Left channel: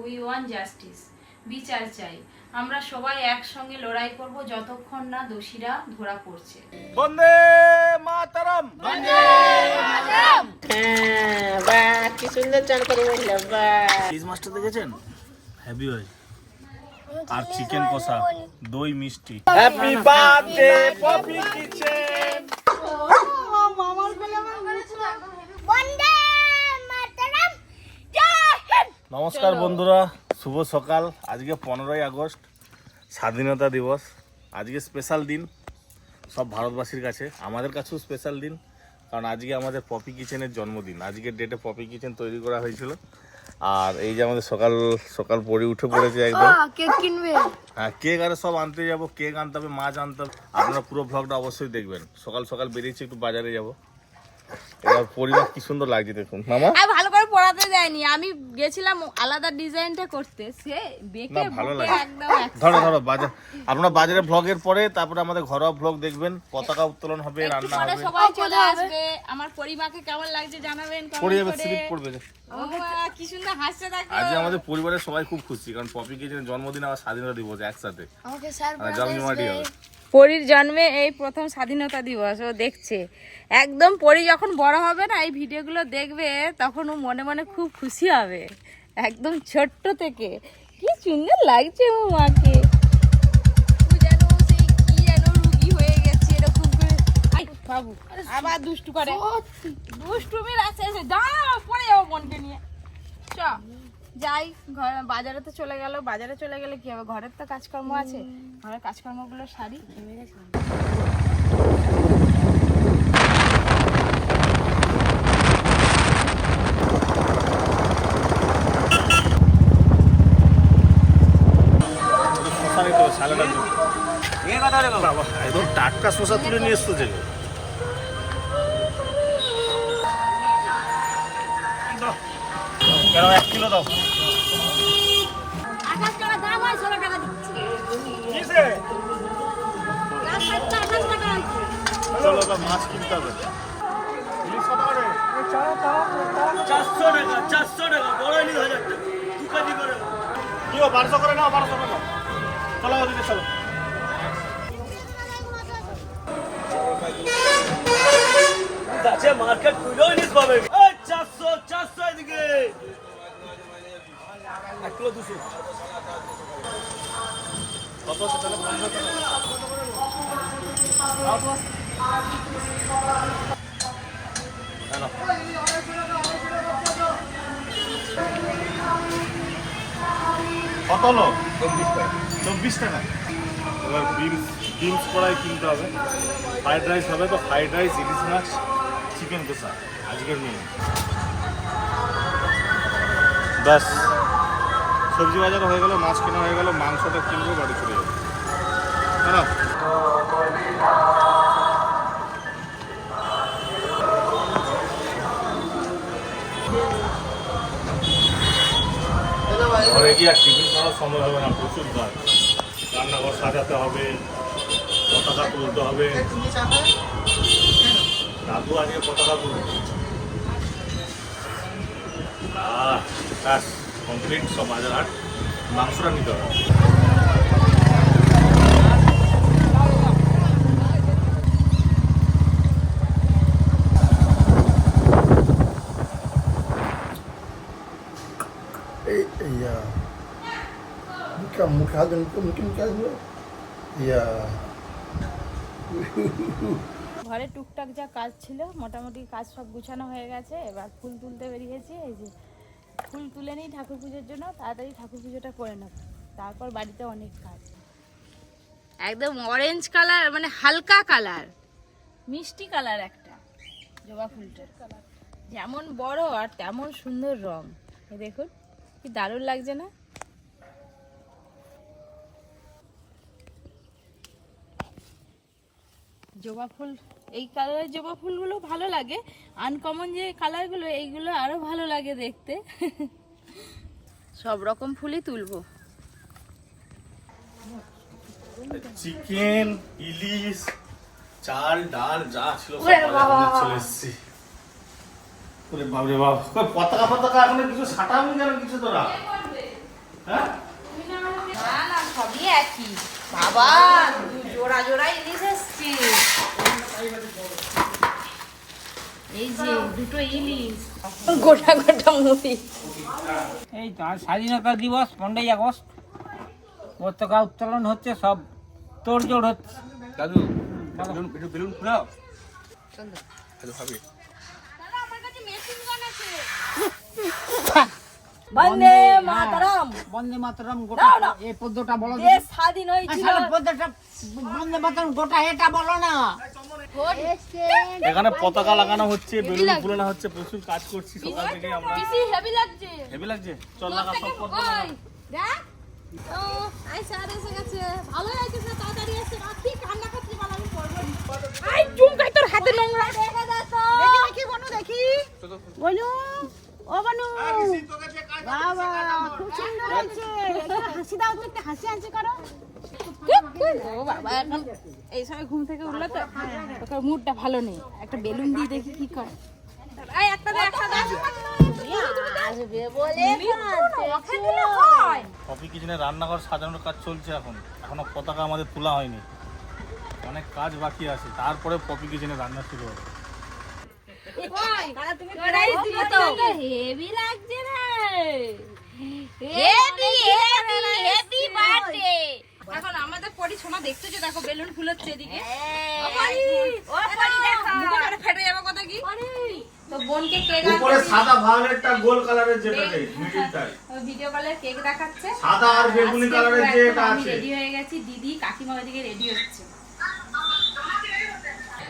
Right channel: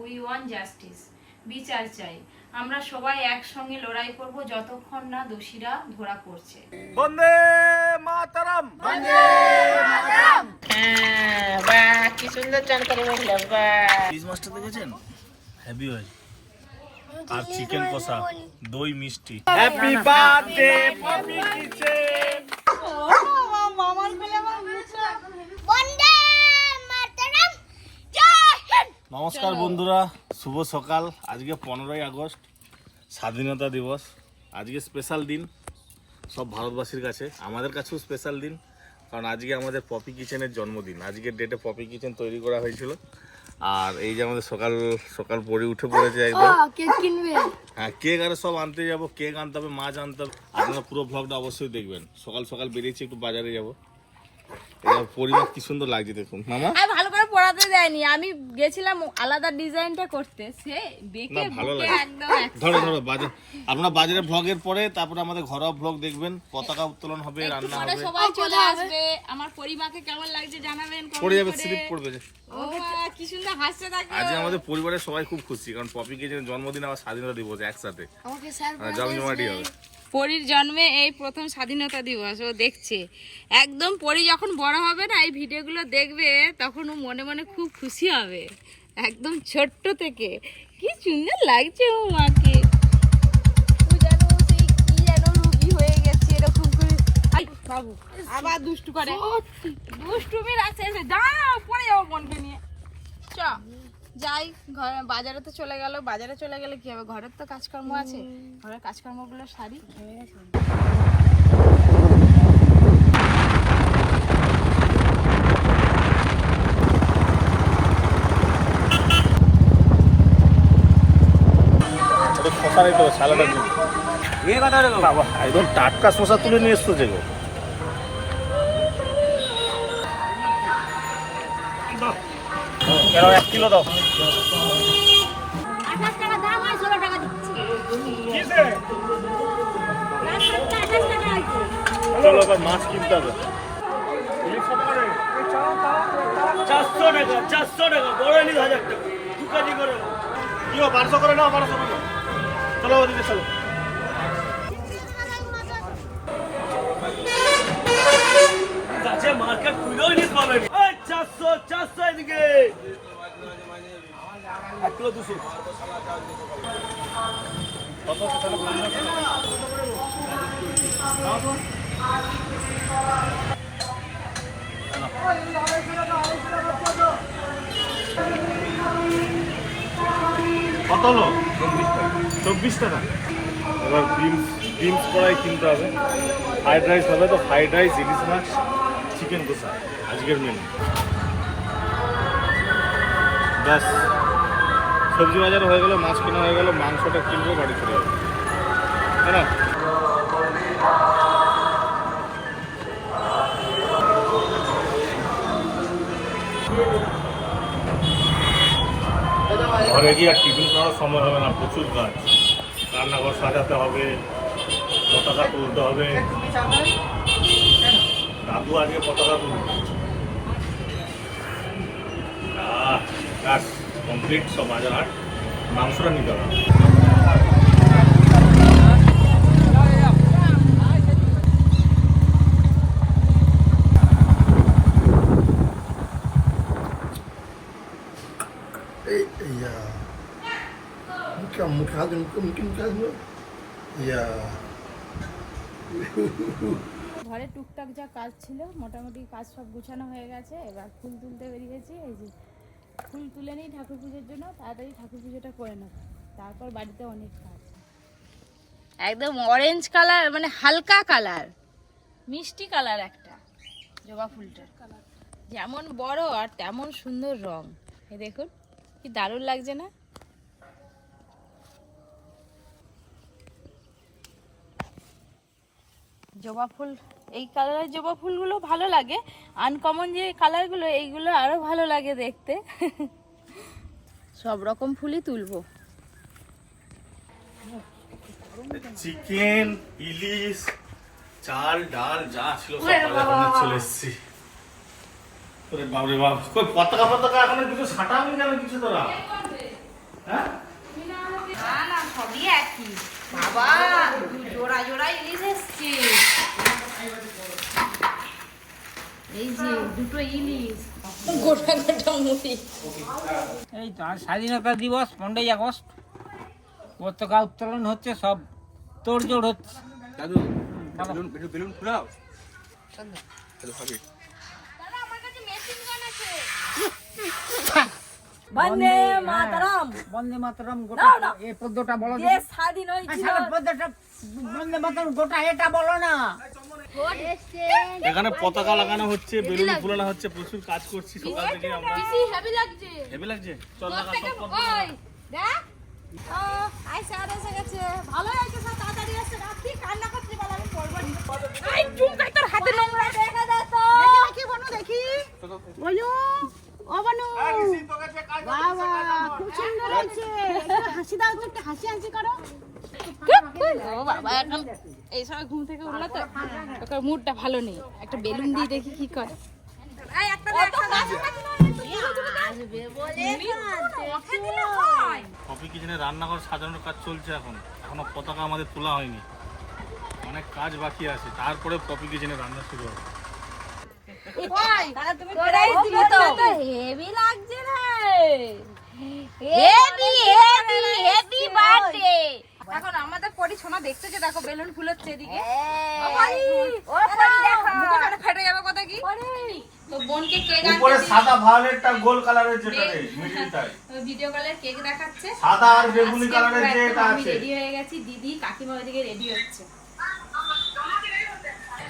We want justice বিচার চাই। আমরা সবাই একসঙ্গে লড়াই করব যতক্ষণ না দোষীরা ধরা পড়ছে। বন্দে মাতারাম! হ্যাঁ বাহ কি সুন্দর চান করে বললাম বাহ। ইলিশ মাছটা দেখেছেন? হ্যাভি হয় আর চিকেন কষা। দই মিষ্টি। Happy birthday Popy kitchen Vande Mataram Jai Hind নমস্কার বন্ধুরা শুভ সকাল। আজকে পনেরোই আগস্ট স্বাধীনতা দিবস। আজকে স্পেশাল দিন সব ভারতবাসীর কাছে। আমাদের কাছেও স্পেশাল দিন কারণ আজকে আমাদের পপি কিচেনের জন্মদিন। আজকের ডেটে পপি কিচেন তৈরি করা হয়েছিল। আর এই যে আমাদের সকাল সকাল পরে উঠে পড়েছে একদম। কেক কিনবে? হ্যাঁ কেক আরে সব আনতে যাব কেক আনতে হবে মাছ আনতে হবে। আপনারা পুরো ভ্লগটা অবশ্যই দেখবেন। সকাল সকাল বেরিয়েছি একটু বাজারে যাব। এবার পরিবার কি সুন্দর লাগছে দেখুন। মামা? ভালো পড়াতে যাইনি আমি গেছিলাম আলাদা ডিজাইনটা করতে। সে বেঁকে না ভালো লাগে। ধরো ধরো বাজার আপনারা বাজারে ভ্লগের পরে তারপরে আমাদের ঘরোয়া ভ্লগ দেখবেন পতাকা উত্তোলন হবে রান্না হবে। সবাই চলে আসবে। আমার পরিবারকে কেমন লাগছে জানাবেন পড়ে যাবে স্লিপ পড়বে ও কি সুন্দর হাসছে দেখো। আজকে আমাদের পরিবারের সবাই খুব খুশি কারণ পপি কিচেনের জন্মদিন আবার স্বাধীনতা দিবস একসাথে। আমাকে স্যার জমজমাটি হবে। পরীর জন্মে এই প্রথম স্বাধীনতা দিবস ও দেখছে। একদম পরী যখন বড় হবে না এই ভিডিওগুলো দেখবে তখন ও মনে মনে খুব খুশি হবে। একদম ছোট্ট থেকে। কি সুন্দর লাগছে ও মাকে। হয়ে আবার দুষ্টু করে। দুষ্টুমির আছে দাঁড়াও পরে যাব বোনকে নিয়ে। চ। যাই ঘর বাজারে তো চলে গেল বাজারে চলে গেলে কি হবে? ঘরের তো কাজকর্ম আছে। ঘরের কাজকর্মগুলো সারি। শশা বাবা, একদম টাটকা শশা তুলে নিয়ে এসছো যে কেন এক কিলো দাও। চলো এবার মাছ কিনতে হবে। চারশো টাকা চারশো টাকা বড় ইলিশ হাজার টাকা দু কেজি করে। কি ও বারোশো করে নাও বারোশো করে চলো ওদিকে চলো। কাছে মার্কেট খুলেও ইলিশ পাবেন চারশো চারশো এদিকে। এক কিলো দুশো। কত? চব্বিশ টাকা। এবার করাই কিনতে হবে। রাইস হবে তো ফ্রাইড রাইস ইলিশ চিকেন আজকের মেনু ব্যাস। সবজি বাজার হয়ে গেল, মাছ কেনা হয়ে গেল, মাংসটা কিনবো, বাড়ি চলে যাব। ঘরে গিয়ে আর টিফিন করার সময় হবে না, প্রচুর কাজ। রান্নাঘর সাজাতে হবে, পতাকা তুলতে হবে। দাদু আজকে পতাকা তুলবে। কমপ্লিট সব হাট মাংসটা নিতে হবে। Muka hagan, bukan mungkin muka hagan. Iya. ঘরে টুকটাক যা কাজ ছিল মোটামুটি কাজ সব গুছানো হয়ে গেছে এবার ফুল তুলতে বেরিয়েছি এই যে ফুল তুলে নিই ঠাকুর পুজোর জন্য তাড়াতাড়ি ঠাকুর পুজোটা করে নেব। তারপর বাড়িতে অনেক কাজ। একদম অরেঞ্জ কালার মানে হালকা কালার মিষ্টি কালার একটা জবা ফুলটার কালার যেমন বড় আর তেমন সুন্দর রং। এই দেখুন কি দারুণ লাগছে না? জবা ফুল এই কালারের জবা ফুলগুলো ভালো লাগে। আনকমন যে কালারগুলো এইগুলো আরও ভালো লাগে দেখতে। সব রকম ফুলই তুলবো। চিকেন ইলিশ চাল ডাল যা ছিল সব চলে এসেছি। ওরে বাবরে বাবা কই পতাকা পতাকা এখন কিছু সাঁটাবি কেন কিছু তোরা? হ্যাঁ? না না সবই একই। এই তো আর স্বাধীনতা দিবস পনেরোই আগস্ট। পতাকা উত্তোলন হচ্ছে সব তোড়জোড় হচ্ছে। দাদু বেলুন ফুলাও চলো খাবি দাদা আমার কাছে মেশিন গান আছে। বন্দে মাতরম। বন্দে মাতরম গোটা এই পদ্যটা বলো দেখি। স্বাধীন হয়েছিল। পদ্যটা বন্দে মাতরম গোটা এটা বলো না। এখানে পতাকা লাগানো হচ্ছে বেলুন ফুলানো হচ্ছে প্রচুর কাজ করছি সকাল থেকে আমরা। হেভি লাগছে। হেভি লাগছে? চল লাগা সব করব দেখ। ও আইসা এসে গেছে। ভালো আইছে তাড়াতাড়ি এসে রাত্রি কান্না করতে পারলাম আমি করব আই চুমকাই তোর হাতে নোংরা দেখা যাচ্ছে দেখি বনু দেখি। বনু। ও বনু বাবা খুব সুন্দর হয়েছে হাসি দাও তো একটা হাসি হাসি করো। ও বাবা এখন এই সময় ঘুম থেকে উঠল তো ওকে মুডটা ভালো নেই। একটা বেলুন দিয়ে দেখি কি করে। কফি কিচেনে রান্নাঘর সাজানোর কাজ চলছে এখন। এখনও পতাকা আমাদের তোলা হয়নি। অনেক কাজ বাকি আছে। তারপরে কফি কিচেনে রান্না শুরু হবে। হেভি লাগছে রে। হেভি হেভি হেভি বার্থডে এখন আমাদের পরি সোনা দেখতেছো দেখো বেলুন ফুলাচ্ছে এদিকে। ফেটে যাবে কথা কি? তো বোনকে কেক উপরে সাদা ভায়োলেটটা গোল কালারের যেটা নেই ভিডিও কলে কেক দেখাচ্ছে। সাদা আর বেগুনি কালারের যেটা আমি আছে। রেডি হয়ে গেছি। দিদি কাকিমা ওইদিকে রেডি হচ্ছে।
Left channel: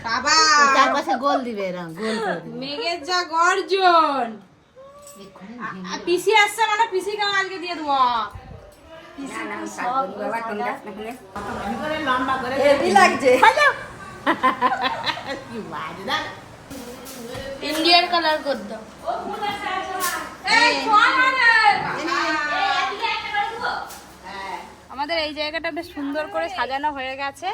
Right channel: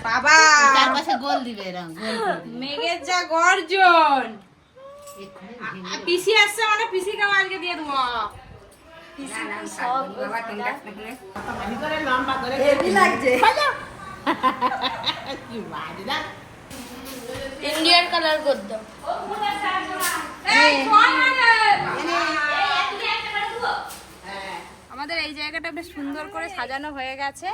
বাবা। চারপাশে গোল দিবে এরকম গোল মেঘের যা গর্জন। পিসি আসছে মানে পিসি কাও আজকে দিয়ে দেবো। ইন্ডিয়ান কালার করতো। এই, আমাদের এই জায়গাটা বেশ সুন্দর করে সাজানো হয়ে গেছে।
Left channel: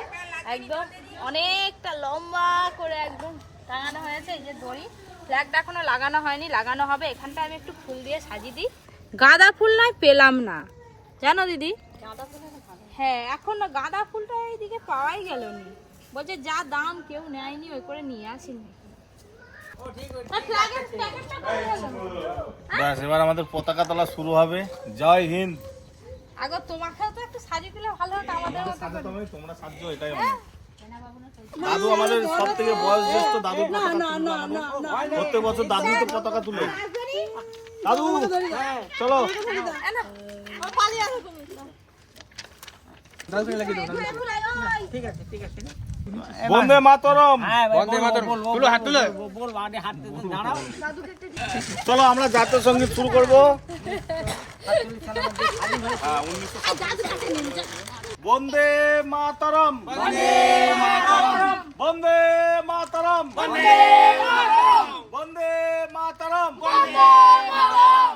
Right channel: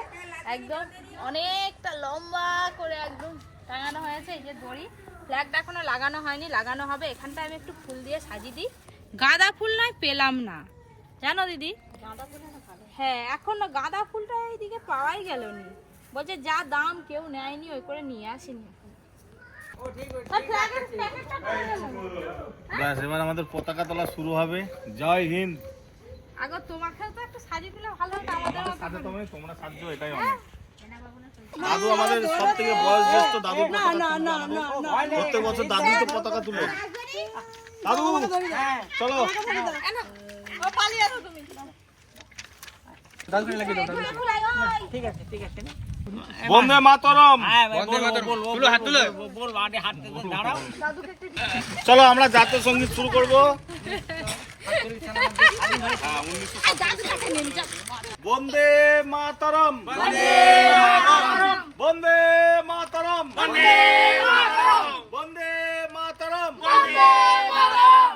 একদম অনেকটা লম্বা করে একদম টাঙানো হয়েছে এই যে দড়ি। ফ্ল্যাগটা এখনও লাগানো হয়নি লাগানো হবে। এখানটা আমি একটু ফুল দিয়ে সাজিয়ে দিই। গাঁদা ফুল নয় পেলাম না। জানো দিদি? হ্যাঁ এখন গাঁদা ফুলটা এইদিকে পাওয়াই গেল নি। বলছে যা দাম কেউ নেয়নি ওই করে নিয়ে আসিনি? ব্যাস এবার আমাদের পতাকা তোলা শুরু হবে। জয় হিন্দ! আগে তোমাকে তো একটু সাজিয়ে দিলে ভালো হতো আমাদের সাথে তুমি তোমরা সাহায্য এটাই অনেক দাদু আমাদের সব থেকে বয়স জ্যেষ্ঠ দাদু। প্রত্যেক বছর দাদু তো পতাকা তুলে। দাদু চলো। বন্দে মাতরম। হ্যাঁ চলো আমরা জাতীয় সংগীত শুরু করব। হ্যাঁ, 1957 বন্দে মাতরম। বন্দে মাতরম। বন্দে মাতরম। বন্দে মাতরম। বন্দে মাতরম। বন্দে মাতরম।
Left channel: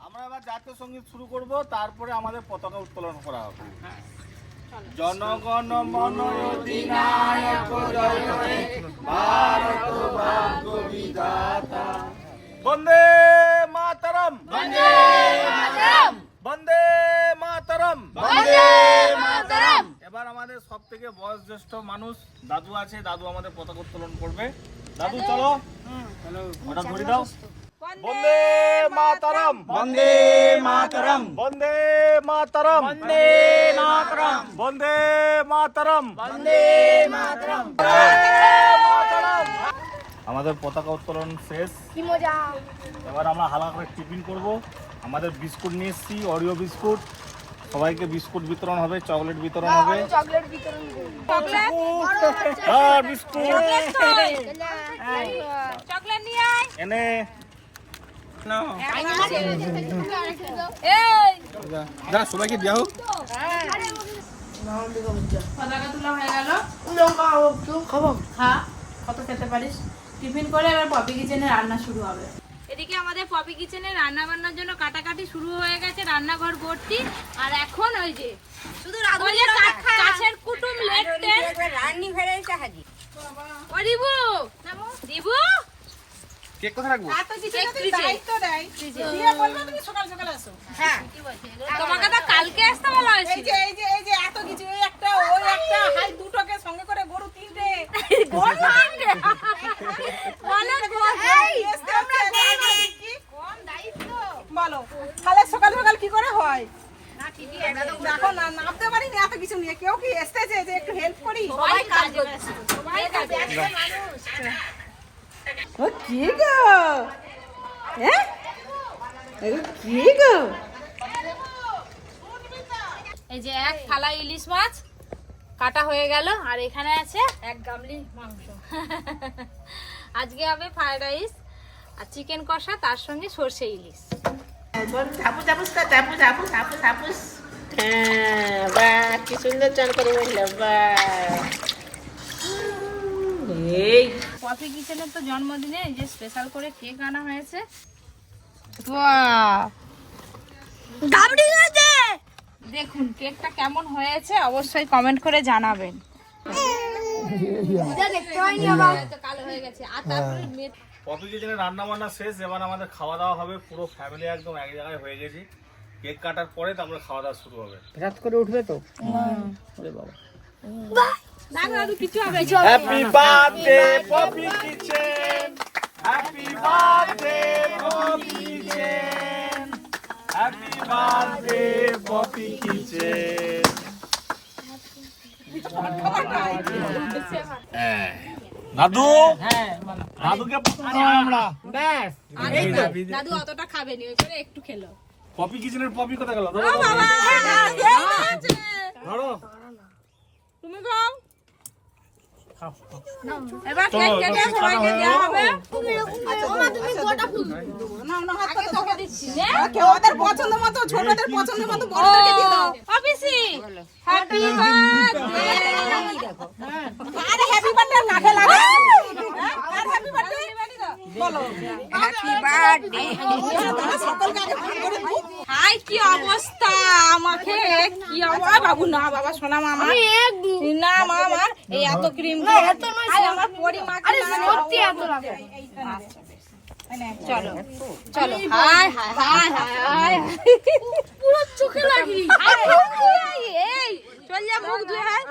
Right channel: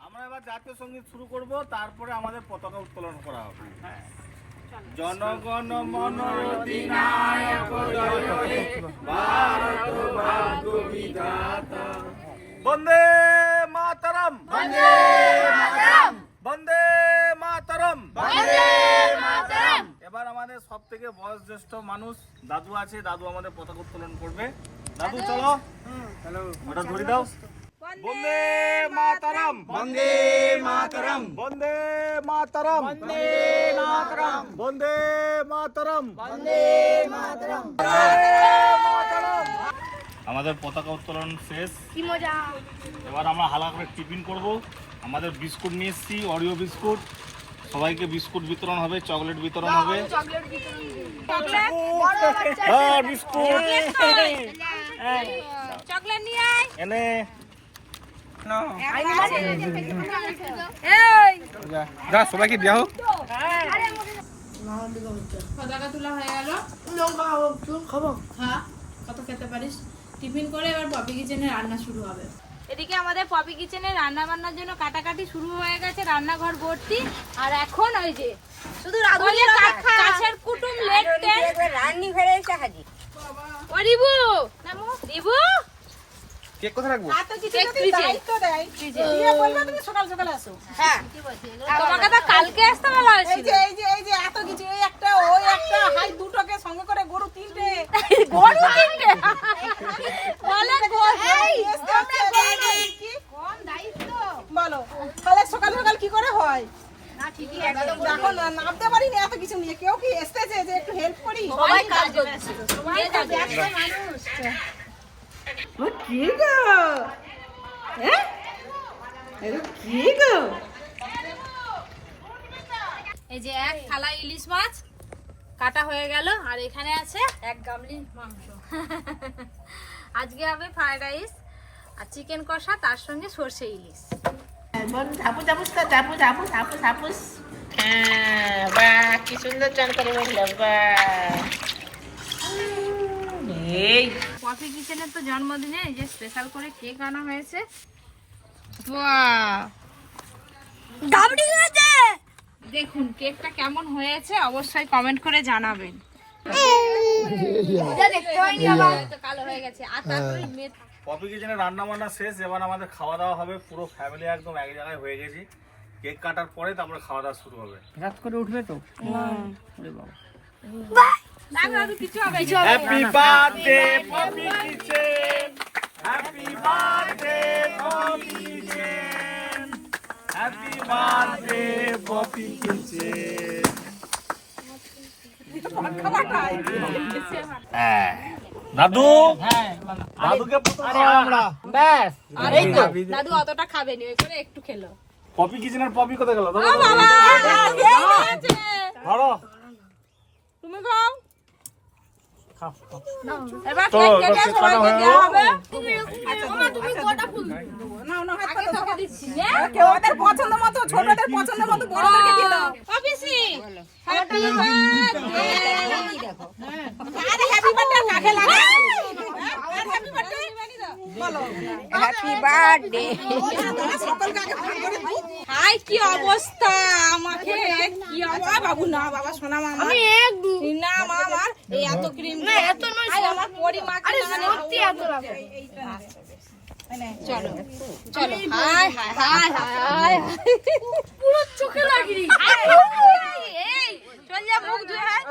আমরা এবার জাতীয় সংগীত শুরু করব তারপরে আমাদের পতাকা উত্তোলন করা হবে। জনগণ মন অধিনায়ক জয় হে ভারত ভাগ্য বিধাতা বন্দে মাতরম। বন্দে মাতরম বন্দে মাতরম বন্দে মাতরম এবার আমাদের সব থেকে বয়োজ্যেষ্ঠ মানুষ দাদু আছে দাদু আমাদের পতাকা উত্তোলন করবে। দাদু চলো। চলো ওটা ধরে দাও। বন্দে মাতরম। বন্দে মাতরম। বন্দে মাতরম। বন্দে মাতরম। বন্দে মাতরম। বন্দে মাতরম। আমাদের পতাকা উত্তোলন শেষ। কি মজা। এবার আমরা হালকা করে টিফিন করব। আমাদের বিস্কুট নিয়ে এসেছি অরিও বিস্কুট। সবাইকে বিস্কুট বিতরণ হবে চকলেট বিতরণ হবে। হ্যাঁ, বিস্কুট। চকলেট নিয়ে আয়। এনে যা সবাইকে দেওয়া হোক। পতাকা তোলা হয়ে গেল। খা কত খেতে পারিস। টিফিন করে এবার পপি কিচেনে রান্না শুরু হবে। এদিকে আমাদের পপি কিচেনে রান্না বান্নার জন্য কাটাকাটি শুরু হয়ে গেছে রান্নাঘর ভর্তি। আর এখন ওই যে শুধু কাছের কুটুম লেট রান্নি ফেরে এসে হাজির ও রিবু রিবু? কেক কোথায় রাখব? এত কিছু দায়িত্ব দেয় দিয়ে বলবে তুমি সকাল সকাল আসো। হ্যাঁ। তোমাকে তো কালকে আসতে বলা হয়েছিল। এই যে এই যে এই যে এত কিছু এই একটা ওই একটা হাই দুটোকে সঙ্গে করে গরু তিনটে। গরু তিনটে বলে গরু আসতে হয়? দেখো না নামতে পারিনি এত কিছু নিয়ে। কেউ কি এসতেছে যে একটু হেল্প করি? কি গো? হ্যাঁ? কি গো? এই যে এক থালা ইলিশ মাছ কাটা হয়ে গেল আর এখানে আছে এক গামলি মাংস। আজকে হবে ফ্রাইড রাইস আর চিকেন কষা তার সঙ্গে সর্ষে ইলিশ। হ্যাঁ বাহ কি সুন্দর চাল করে বলল বাহ এই কফি কিচেনের তো জন্মদিনে যে স্পেশাল করে কেক আনা হয়েছে! দেখুন কেকটা কেমন হয়েছে অবশ্যই কমেন্ট করে জানাবেন। কালো হয়ে গেছে। আর তারপরে পপি কিচেনে রান্না বান্না শেষ এবার আমাদের খাওয়া দাওয়া হবে পুরো ফ্যামিলি একদম এক জায়গায় হয়ে গেছি। কেক কাটার পরে তারপরে খাওয়া দাওয়া শুরু হবে। রাত করে উঠবে তো? ওরে বাবা। Happy birthday Popy kitchen. Happy birthday Popy kitchen. Happy birthday Popy kitchen. হ্যাঁ। দাদু? হ্যাঁ দাদুকে আমরা। ব্যাস। এই তো দাদু অতটা খাবে নি ওই করে একটু খেলো। পপি কিচেনের পপি কোথায় গেল? ধরো। তুমি খাও। পছন্দ মতো ছোটদের পছন্দ মতো বড়দেরকে দিয়ে দাও। হ্যাপি বার্থডে হ্যাপি বার্থডে কাকে লাগে হ্যাঁ? হ্যাপি বার্থডে হ্যাপি বার্থডে সকল কাকে ভাগ করে দিই হাই কি অবস্থা? আমাকে কি অবস্থা বাবু না বাবা সোনা মামা। না মামা এই এত ক্রিম না এত নয় আমার পরি আরে সত্যি এত চলো চলো। হাই হাই হাই হাই পুরো চোখে লাগি এই চল যা মুখ ধুয়ে হাই।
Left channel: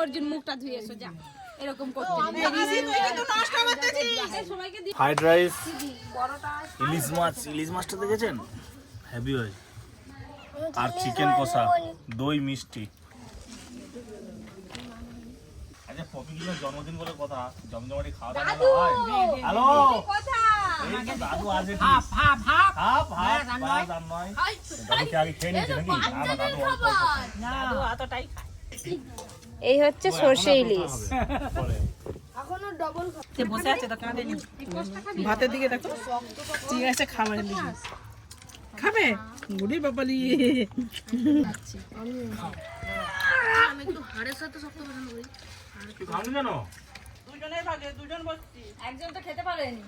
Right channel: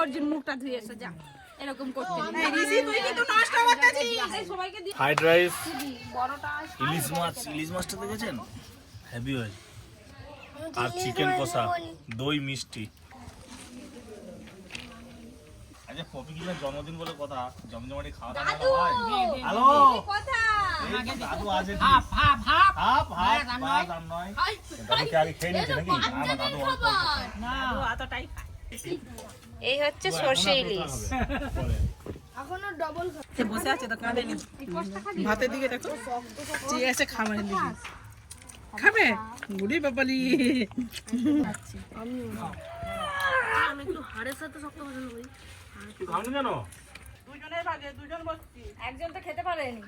অর্জুন মুখটা ধুয়ে এসো যা। ফ্রাইড রাইস ইলিশ মাছ ইলিশ মাছটা দেখেছেন? হেভি হয় আর চিকেন কষা দই মিষ্টি। আচ্ছা পপি কিলার জন্মদিন বলে কথা জমজমাটি খাওয়া দাওয়া হয়? হ্যালো? এই দাদু আছে half half half half half বাস নয়। দাদুকে আগে খেয়ে নিয়েছে নাকি? না দাদু অল্প অল্প। খায়। এই হচ্ছে সর্ষে ইলিশ। বসে আছে তো কাঁদেনি ভাতের দিকে দেখো। ঠিক আছে খাবারের দিকে। খাবে? বুড়ি বাবালি। তুই খাবি কেন একজন তো খেতে পারেনি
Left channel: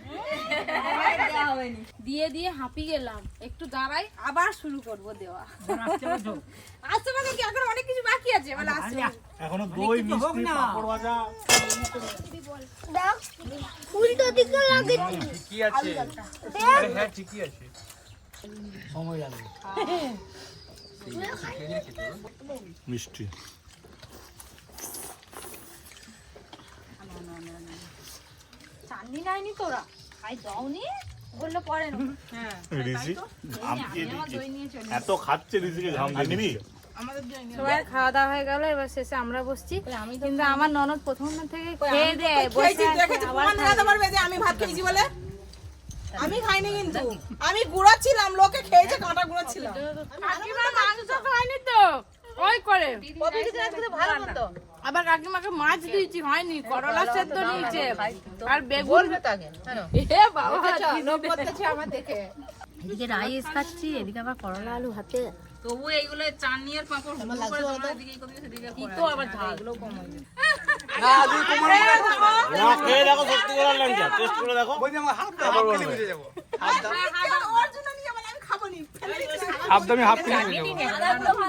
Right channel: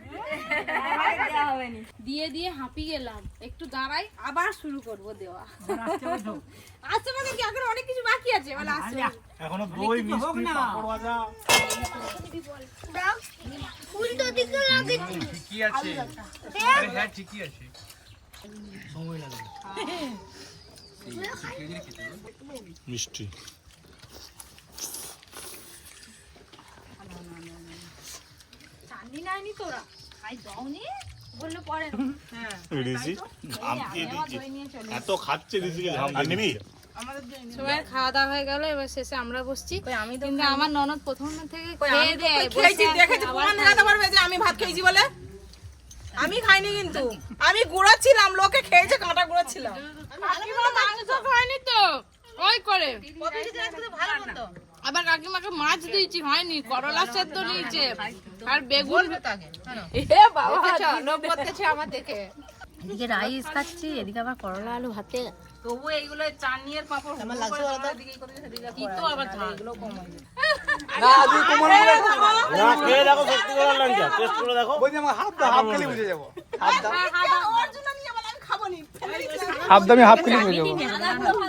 দেওয়া হয়নি দিয়ে দিয়ে হাঁপি গেলাম। একটু দাঁড়াই আবার শুরু করব দেওয়া। আসতে মানে কি? এখন অনেক কিছু বাকি আছে। বলে আসতে এখনও দই মিষ্টি পাপড় ভাজা। উল্টো দিকে লাগে। মিষ্টি। চান্দি নাইনি তোরা খাই দাওনি বললে পরে না ঘাম দিয়ে আমার দিচ্ছে দই নিয়ে চলে এত খাচ্ছে ঋষিকে ঘাম দিয়ে দিচ্ছে। সবাই খাওয়া দাওয়া হয়ে গেল এবার শেষে আমরা বসছি। কিন্তু আমার ননদ প্রথম থেকে খেয়ে দেয় বসে আমি ভাত খেয়েছি বলে? আমি খাইনি কিন্তু। আমি গুঁড়াচ্ছিলাম লোকে খেয়েছে কাঁটা গুড়াচ্ছিলাম খাইনি খায়নি তো। ওই করে। আবার কাকিমাকে মাছ দিয়েছি হয়নি করলা সেদ্ধ নিয়েছে আর বেগুন। লোক করতেছে আমার দেখে। এদিকে রাইস খাচ্ছি এদিকে আবার করলা আলু হাতে তবু এইগুলো চাটনির পাপড় হুড় করে তোমার দিকেই করতে সেদিকে কি তো আবার ঝাল এগুলো কমে না খেয়ে দেখো সত্যি করে লঙ্কা টেস্ট করে দেখো। অর্জুন নিয়ে বলে আমি খাব নি হাফ দামি বুঝে যাব।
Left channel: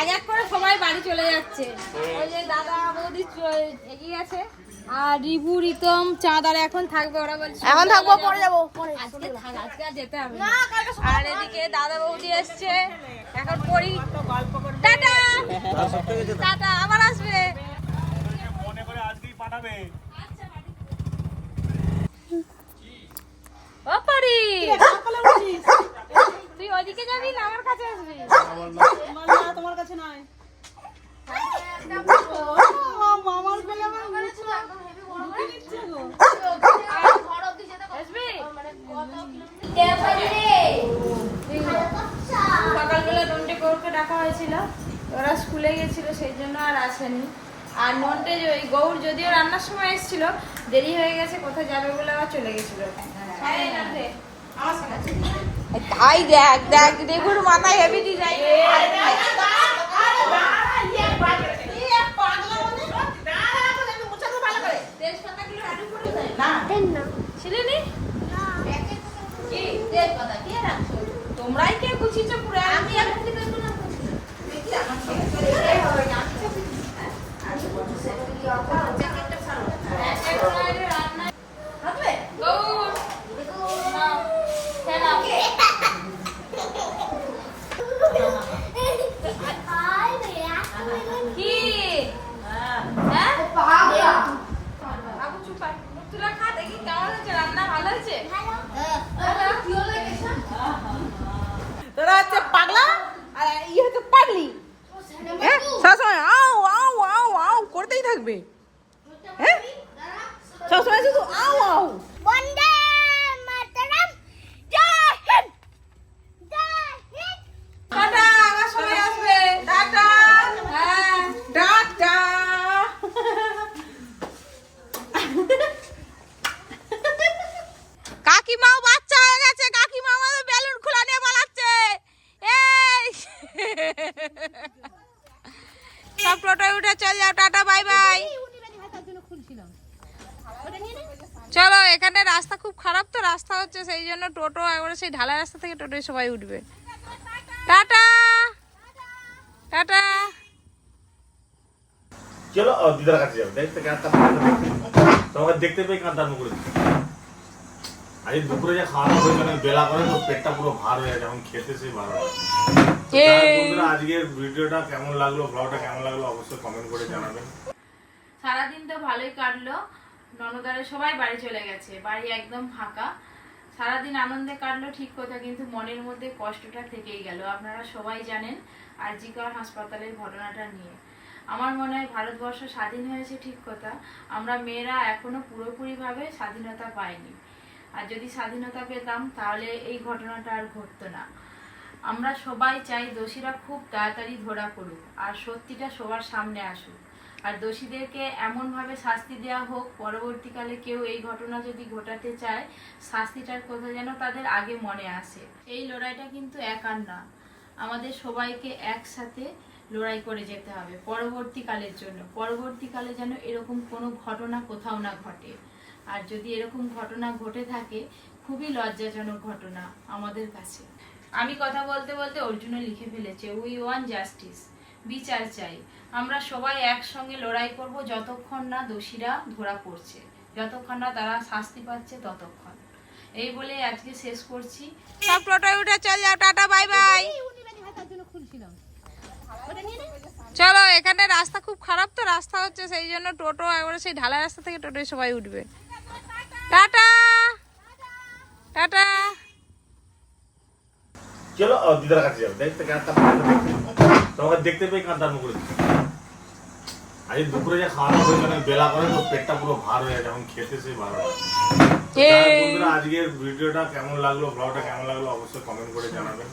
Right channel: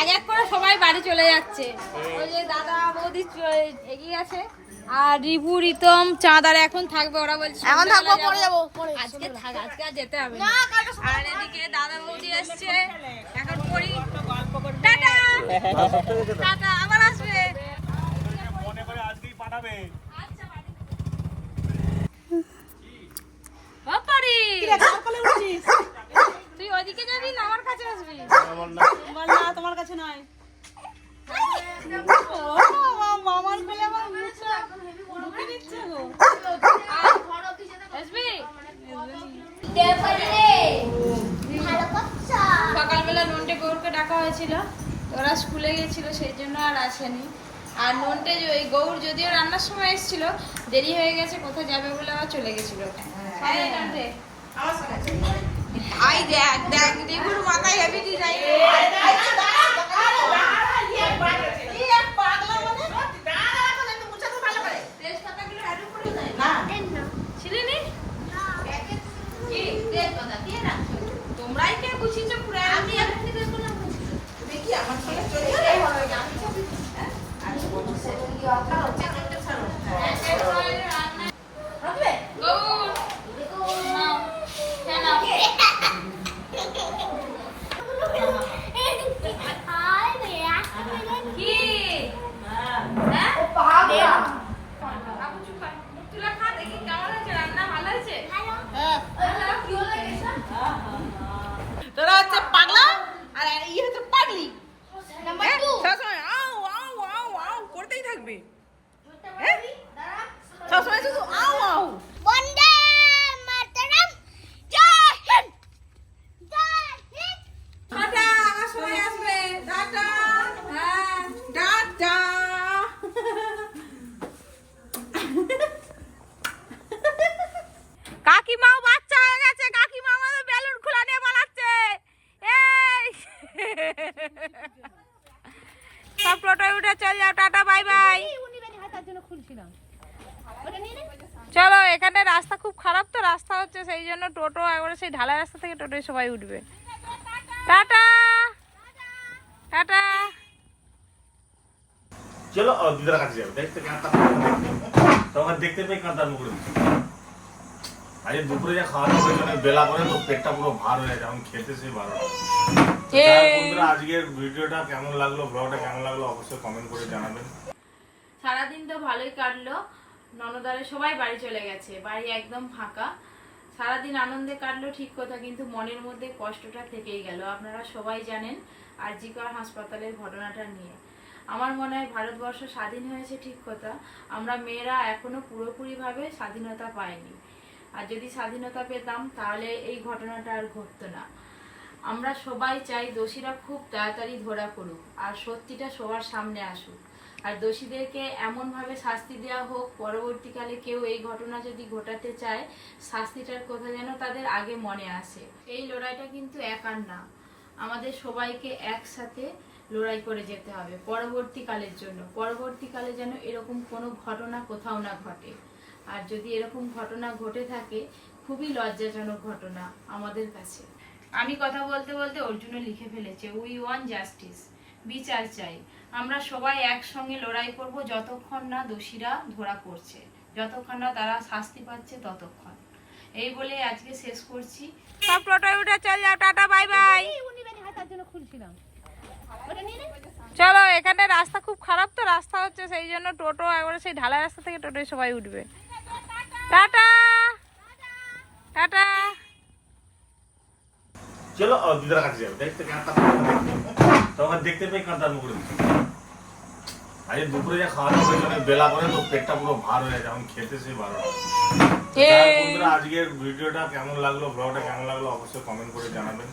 এক এক করে সবাই বাড়ি চলে যাচ্ছে। ওই যে দাদা বৌদি এগিয়ে আছে। আর রিবু রিতম চাঁদার এখন থাকবে ওরা বলছে এখন থাকব পরে যাব। আজকে থাক আজকে আর যেতে হবে না। আর এদিকে দাদা বৌদি এসছে। এখন পড়ি। টাটা! টাটা আবার আসবে। মনে করে আজকেই পাঠাবে ও পারি তুই ওদিকে যাবি না? আমার কাছে আসবি? তোমার না। তোমার কাছে নয়। মামার কোলে গো। আসবি? সকালবেলা নন্টে গৌরকে ডাকা হয়েছিল। ওরা স্কুলে গেছিল সেই জন্য আর আসেনি। আর নন্টে ওই গৌর যদিও রান্নার সময় এসেছিল দেরি হয়ে গেছে কোথায় যাবে বলে আবার চলে গেছিল। হ্যাঁ, নন্টে। তাই দেখ দেখ দেখুন মাথায় হেভি ডিজাইন তোমরাই কে গুছিয়েছো পুরো আমি এখন থেকে তো না দেখি আমার ছেলে হবে না আমি হ্যাঁ? আমি বলছি সেটা কি রাখা হচ্ছে একটা সালো হবে গৌর নাও, খেয়ে নাও। কি হ্যাঁ বাবু চুপ কর। মুখ তুলে খা, দেখি কেমন হয়েছে রান্না ভালো হয়েছে তোরা হচ্ছে পাগলা আর ইয়ে হচ্ছে পাগলি হ্যাঁ? সবসময় আও আও আও আও করতেই থাকবে হ্যাঁ সবসময় শুধু আও আও বন্দে মাতরম জয় হিন্দ জয় হিন্দ টাটা আমার সময় আসবে টাটা হ্যাঁ টাটা কাকিমাও বাচ্চা হয়ে গেছে কাকিমা আমাদের বেলুন খোলা নিয়ে পালাচ্ছে এই সব টোটোয় উঠে চল যাও টাটা বাই বাই চলো এখানে রাস্তা খুব খারাপ তো রাস্তা জন্য টোটো একবারে সেই ঢালাই রাস্তা থেকে টোটোয় সবাই উঠবে। টাটা! টাটা! চলো দিদার কাছে যাবে। দেখতে তোমাকে দেখতে পেয়ে করে আজ দুপুরে যা খাওয়া দাওয়া হয়েছে অনেক বেলা করে তো পেটটা পুরো ভার হয়ে গেছে এখন খেতে সেই ভালো আজকের ভিডিওটা কেমন লাগল ব্লগটা কেমন লাগল অবশ্যই কমেন্ট করে জানাবেন। সারাদিন তো ভালোই কাটলো। ননদারে সবাই বাড়ি চলে গেছে বাড়ি একদম ফাঁকা। সারাদিন আনন্দে কাটলো ঠিক কথা, কিন্তু মনের মধ্যে কষ্টটা থেকেই গেল। আপনারা সবাই জানেন আর আরজিকর হাসপাতালের ঘটনাটা নিয়ে। আমার মনে হয় ভারতবর্ষ স্বাধীন হয়েছে ঠিক কথা, আমরা মেয়েরা এখনও পুরোপুরিভাবে স্বাধীনতা পাইনি। আর যদি স্বাধীনতা পেতাম, তাহলে এই ঘটনাটা আর ঘটতো না। আমরা সবাই চাই দোষীরা খুব তাড়াতাড়ি ধরা পড়ুক, আর সত্যিটা সবার সামনে আসুক। আর দোষীদেরকে এমনভাবে শাস্তি দেওয়া হোক, পরবর্তীকালে কেউ এই ঘটনা যদি ঘটাতে চায়, শাস্তিটার কথা যেন তাদের আগে মনে আসে। এই লড়াইটা কিন্তু একার না। আমাদের সবাইকে একসাথে লড়াই করে যেতে হবে, পরবর্তীকালের জন্য। পরবর্তীকালে যেন এরকম কোনো ঘটনা কোথাও না ঘটে। আর যদি এরকম ঘটনা ঘটে থাকে, খুবই লজ্জাজনক ঘটনা আমাদের কাছে। আমি কথা বলতে বলতে অর্জুনও লিখে ফেলেছে উই ওয়ান জাস্টিস বিচার চাই। আমরা সবাই একসঙ্গে লড়াই করব যতক্ষণ না দোষীরা ধরা পড়ছে। যতক্ষণ না তারা শাস্তি পাচ্ছে ততক্ষণ। এই বলে আজকে শেষ করছি। সব টোটোয় উঠে চল যাও টাটা বাই বাই। চলো এখানে রাস্তা খুব খারাপ তো রাস্তা হচ্ছে সেই জন্য টোটো একবারে সেই ঢালাই রাস্তা থেকে টোটোয় সবাই উঠবে। টাটা! টাটা! চলো দিদার কাছে যাবে। দেখতে কাঁদতা তোমাকে দেখতে পেয়ে করে আজ দুপুরে যা খাওয়া দাওয়া হয়েছে বেলা করে তো পেটটা পুরো ভার হয়ে গেছে এখন খেতে সেই ভালো আজকের ভিডিওটা কেমন লাগল ব্লগটা কেমন লাগল অবশ্যই কমেন্ট করে জানাবেন।